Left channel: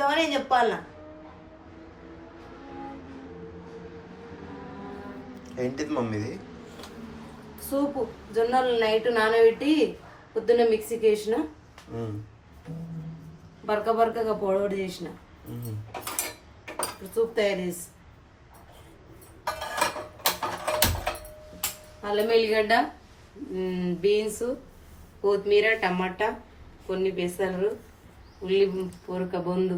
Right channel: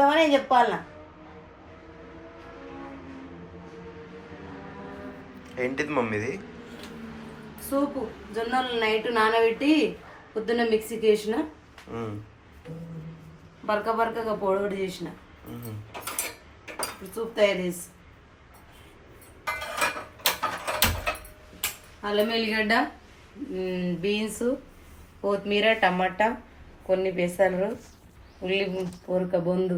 నేను చెప్పాలనా? ఏంటిది మమ్మీది? సూపు. జొన్నలు నైట్ నానబెట్టి పొద్దున్న మిక్సీకి వేసిన, బరకగా పొడవడి చేసిన. ఇప్పుడు సూప్ తయారు చేసి అల్లం ఎల్లిగడ్డ, బీన్స్, కొత్తిమీర, టమాటా, కొన్ని పెసలు, ఉల్లి పొరక బొందు,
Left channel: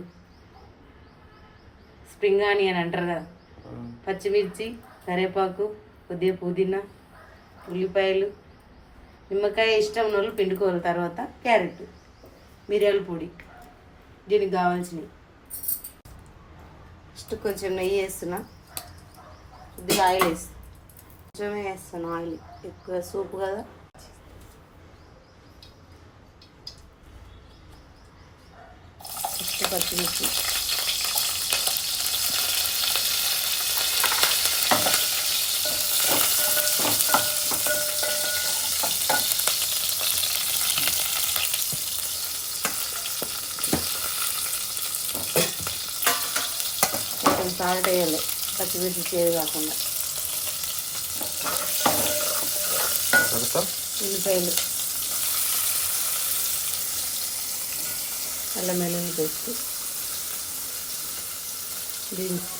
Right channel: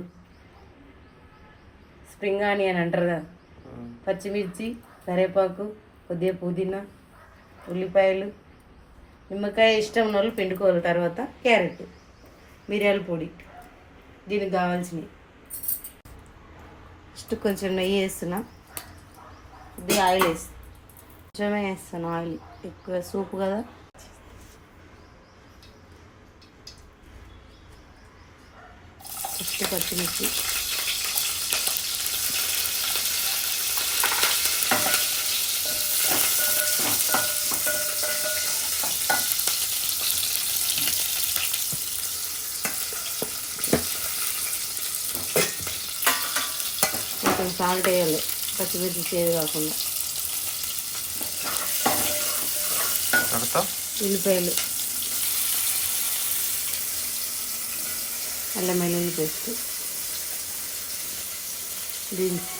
స్ప్రింగ్ ఆనియన్ అంటారు కదా, పచ్చిమిర్చి, కరివేపాకు, కొద్దిగా పుదీనా, ఉల్లిపాయలు, నిమ్మకాయ ఇష్టం ఉన్న వాళ్ళు పిండుకోవాలి. తర్వాత క్యారెట్, మిరియాల పొడి, దీనికి కావాల్సినవి. ఫస్ట్ కొంచెం నెయ్యి వేస్తున్నా, కొద్దిగా ఆయిల్ వేసి కొంచెమే వేస్తాను. ఆయిల్ ఎక్కువ సూపు కదా. ఫస్ట్ పచ్చిమిర్చి, కొంచెం సాల్ట్ వేయాలి, పచ్చిమిర్చి చేదు కాకుండా. ఉల్లిపాయలు, అల్లం వెల్లుల్లి పేస్ట్, బీన్స్,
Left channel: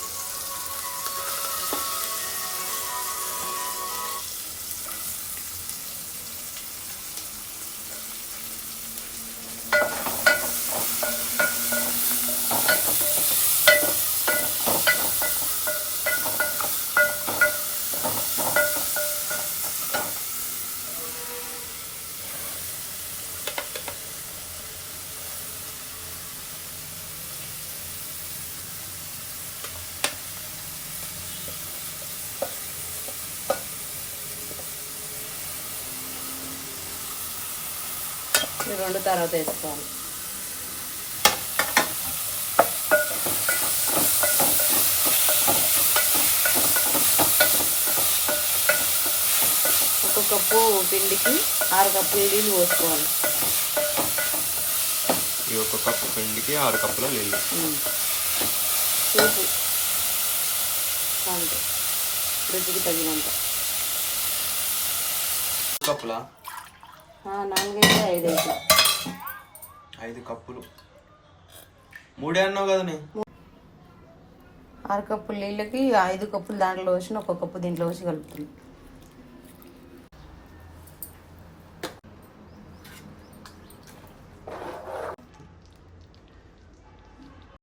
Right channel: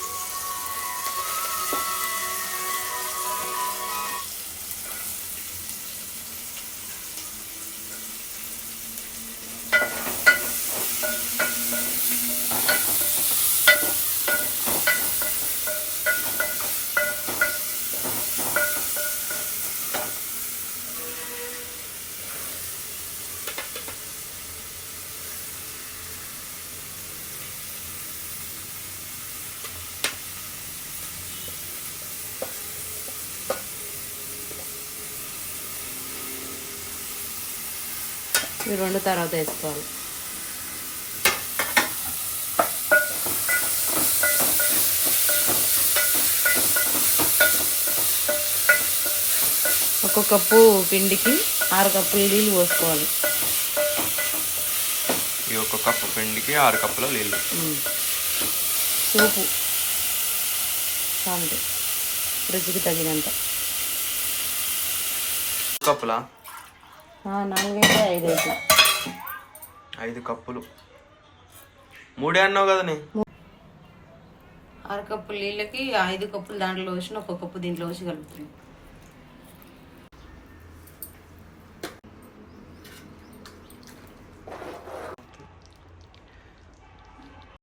ఈ రెండు తర్వాత వేసుకోవాలి. ఒక కప్పు పిండికి 6 కప్పులు నీళ్ళు పోసుకోవాలి. ఈ ఒక కప్పు పిండికి 6 కప్పుల నీళ్ళు. ఉప్పు, సాల్ట్ రుచికి తగినంత. కప్పులా? 4 5 అయితే 5 కప్పులు. 3 అన్నావు కదా నీ? 6 కప్పుల నీళ్ళకి 5 కప్పులు దాంట్లో వేసిన, 1 కప్పు దీంట్లో వేసి కలుపుతుంది.